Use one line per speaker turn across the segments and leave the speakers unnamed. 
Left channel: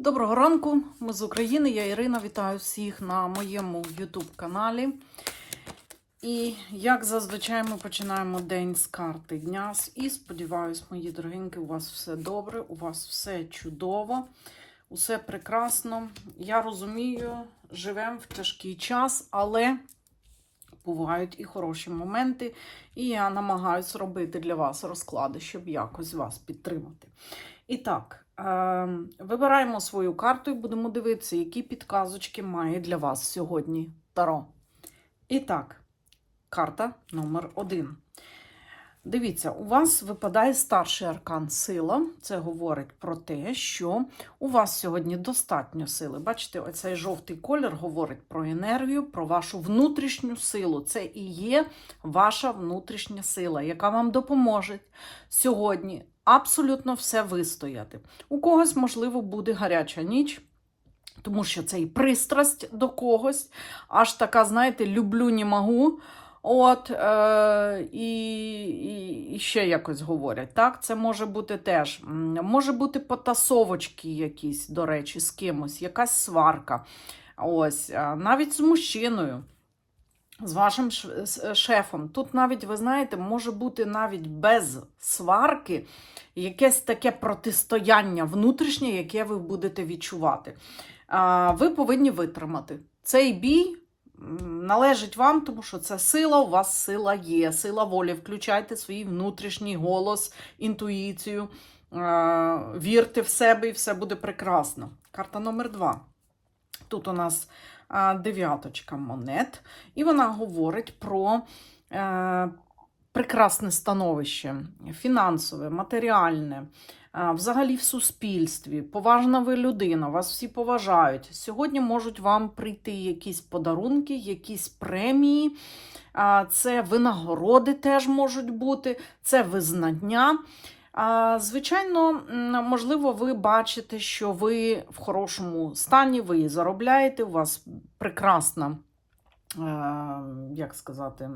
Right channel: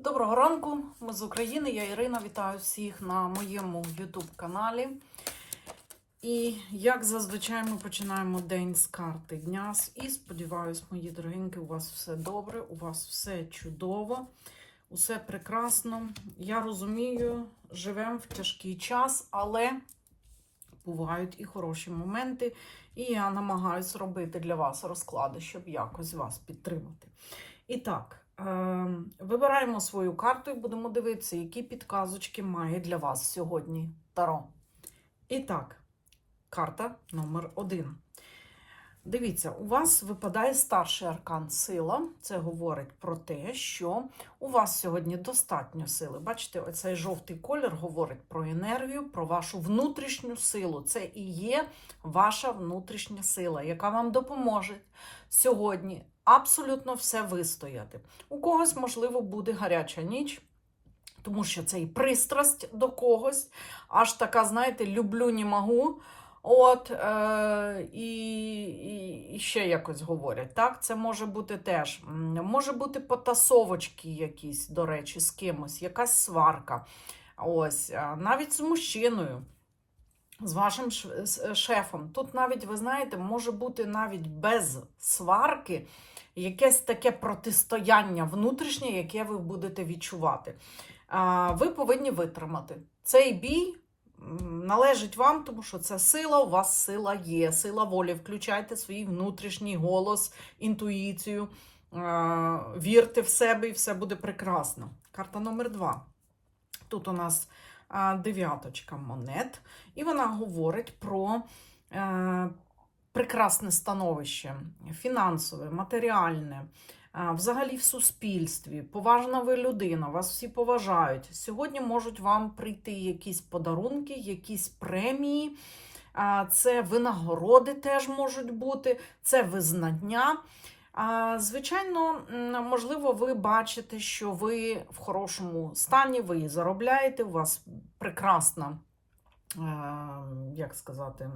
Доброго ранку, ми з України. Я Ірина. Вітаю всіх на моєму YouTube каналі. І як зазвичай ми починаємо день з карти дня. І сподіваюсь, мої дорогенькі, у вас все добре, у вас все чудово, усе прекрасно. Я розумію, живемо в тяжкий час, але бувають і хороші моменти. І я намагаюся робити для вас розклади, щоб якось вас підтримати. І так. Е, Вибираємо свою карту і будемо дивитися, які підказочки має для вас сьогодні Таро. І так, карта номер один. Дивіться, у вас випадає старший аркан сила. Це говорить про те, що у вас сьогодні достатньо сили. Бачите, оцей жовтий колір говорить про енергію, про вашу внутрішню силу. Це і є ваша внутрішня сила, яка вам допоможе сьогодні абсолютно все вистояти. У когось, можливо, буде гаряча ніч. Тому що це і пристрасть до когось, аж така, знаєте, люблю, не можу. От, е, і, і, ще якось говорять. Так, це може бути теж. Може бути потасовочки якісь, до речі, з кимось, якась сварка. Ось, е, навіть з мужчиною, з вашим шефом. Тут навіть, ви знаєте, може бути навіть без сварки якесь таке протистояння внутрішнє, яке ви будете відчувати. Ви повинні витримати. Цей бій належить вам, тому що це сила, у вас сила є, сила волі. Включайте свій внутрішній голос, інтуїцію, вірте в себе і все буде прекрасно. Карта номер два. Тут у нас дев'яточка монет, і вона говорить про е, прекрасне становище, фінансове, матеріальне, взагалі в суспільстві. Поважна ви людина, вас всі поважають. Сьогодні можуть вам прийти якісь подарунки, якісь премії. Це винагороди теж можуть бути, це визнання. Звичайно, можливо, ви бачите, що ви в хорошому стані, ви заробляєте, у вас прекрасна, як сказати,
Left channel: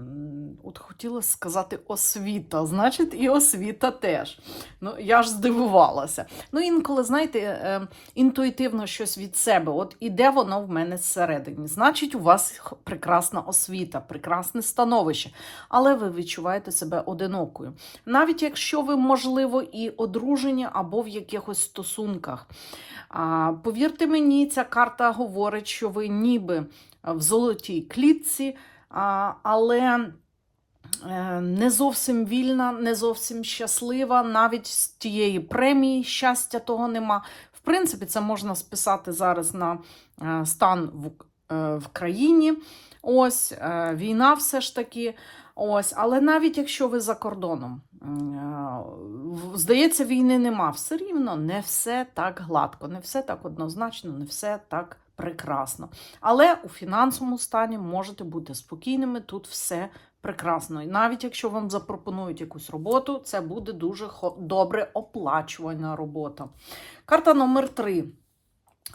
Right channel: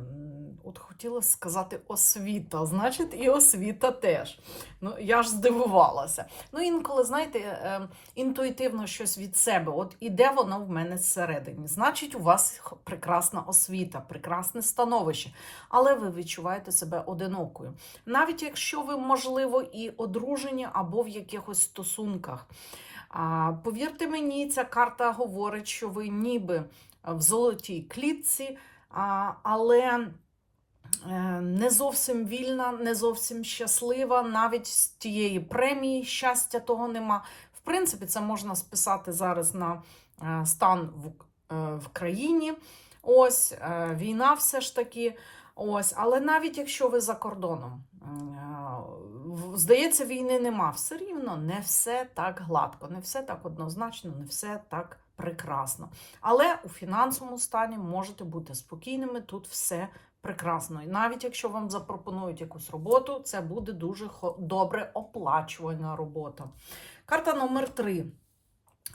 от хотіла сказати освіта, значить, і освіта теж. Ну, я ж здивувалася. Ну, інколи, знаєте, е, інтуїтивно щось від себе, от іде воно в мене зсередині. Значить, у вас прекрасна освіта, прекрасне становище, але ви відчуваєте себе одинокою. Навіть якщо ви, можливо, і одружені або в якихось стосунках. Повірте мені, ця карта говорить, що ви ніби в золотій клітці, але е, не зовсім вільна, не зовсім щаслива, навіть з тієї премії щастя того нема. В принципі, це можна списати зараз на е, стан в, е, в країні. Ось війна все ж таки. Ось, але навіть якщо ви за кордоном, здається, війни нема, все рівно не все так гладко, не все так однозначно, не все так прекрасно. Але у фінансовому стані можете бути спокійними, тут все прекрасно. І навіть якщо вам запропонують якусь роботу, це буде дуже добре оплачувана робота. Карта номер три.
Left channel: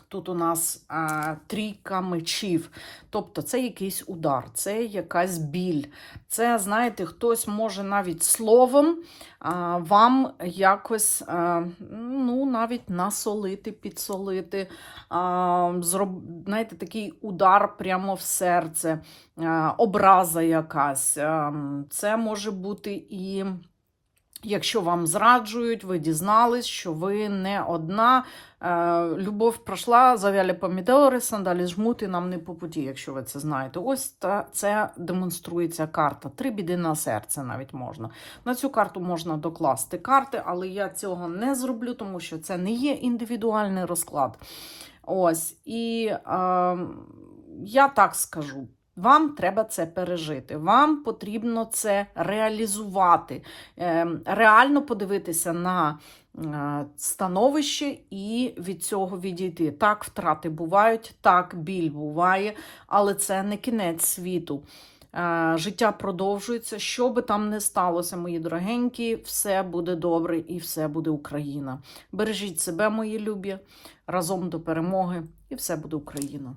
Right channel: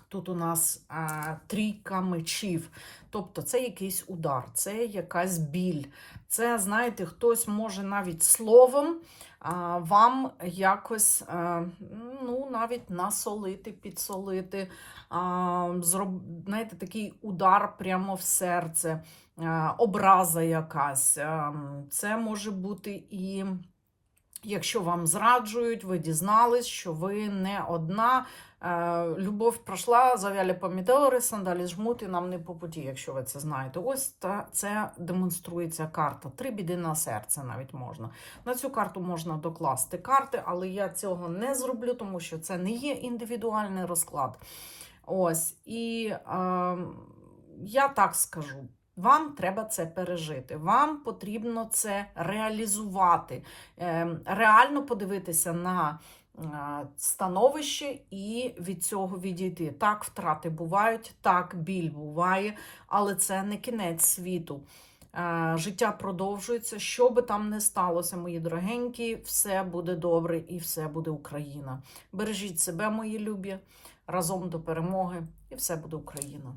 Тут у нас а, трійка мечів. Тобто це якийсь удар, це якась біль. Це, знаєте, хтось може навіть словом а, вам якось а, ну, навіть насолити, підсолити, а, зроб, знаєте, такий удар прямо в серце, а, образа якась. А, це може бути і. Якщо вам зраджують, ви дізнались, що ви не одна. Е, Любов пройшла, зав'яли помідори, сандалі жмут і нам не по путі, якщо ви це знаєте. Ось та, це демонструється карта. Три біди на серце навіть можна. На цю карту можна докласти карти, але я цього не зроблю, тому що це не є індивідуальний розклад. Ось. І е, я так скажу. Вам треба це пережити. Вам потрібно це реалізувати, Ем, реально подивитися на е, становище і від цього відійти. Так, втрати бувають, так, біль буває, але це не кінець світу. Е, Життя продовжується. Що би там не сталося, мої дорогенькі, все буде добре і все буде Україна. Бережіть себе, мої любі, разом до перемоги, і все буде Україна.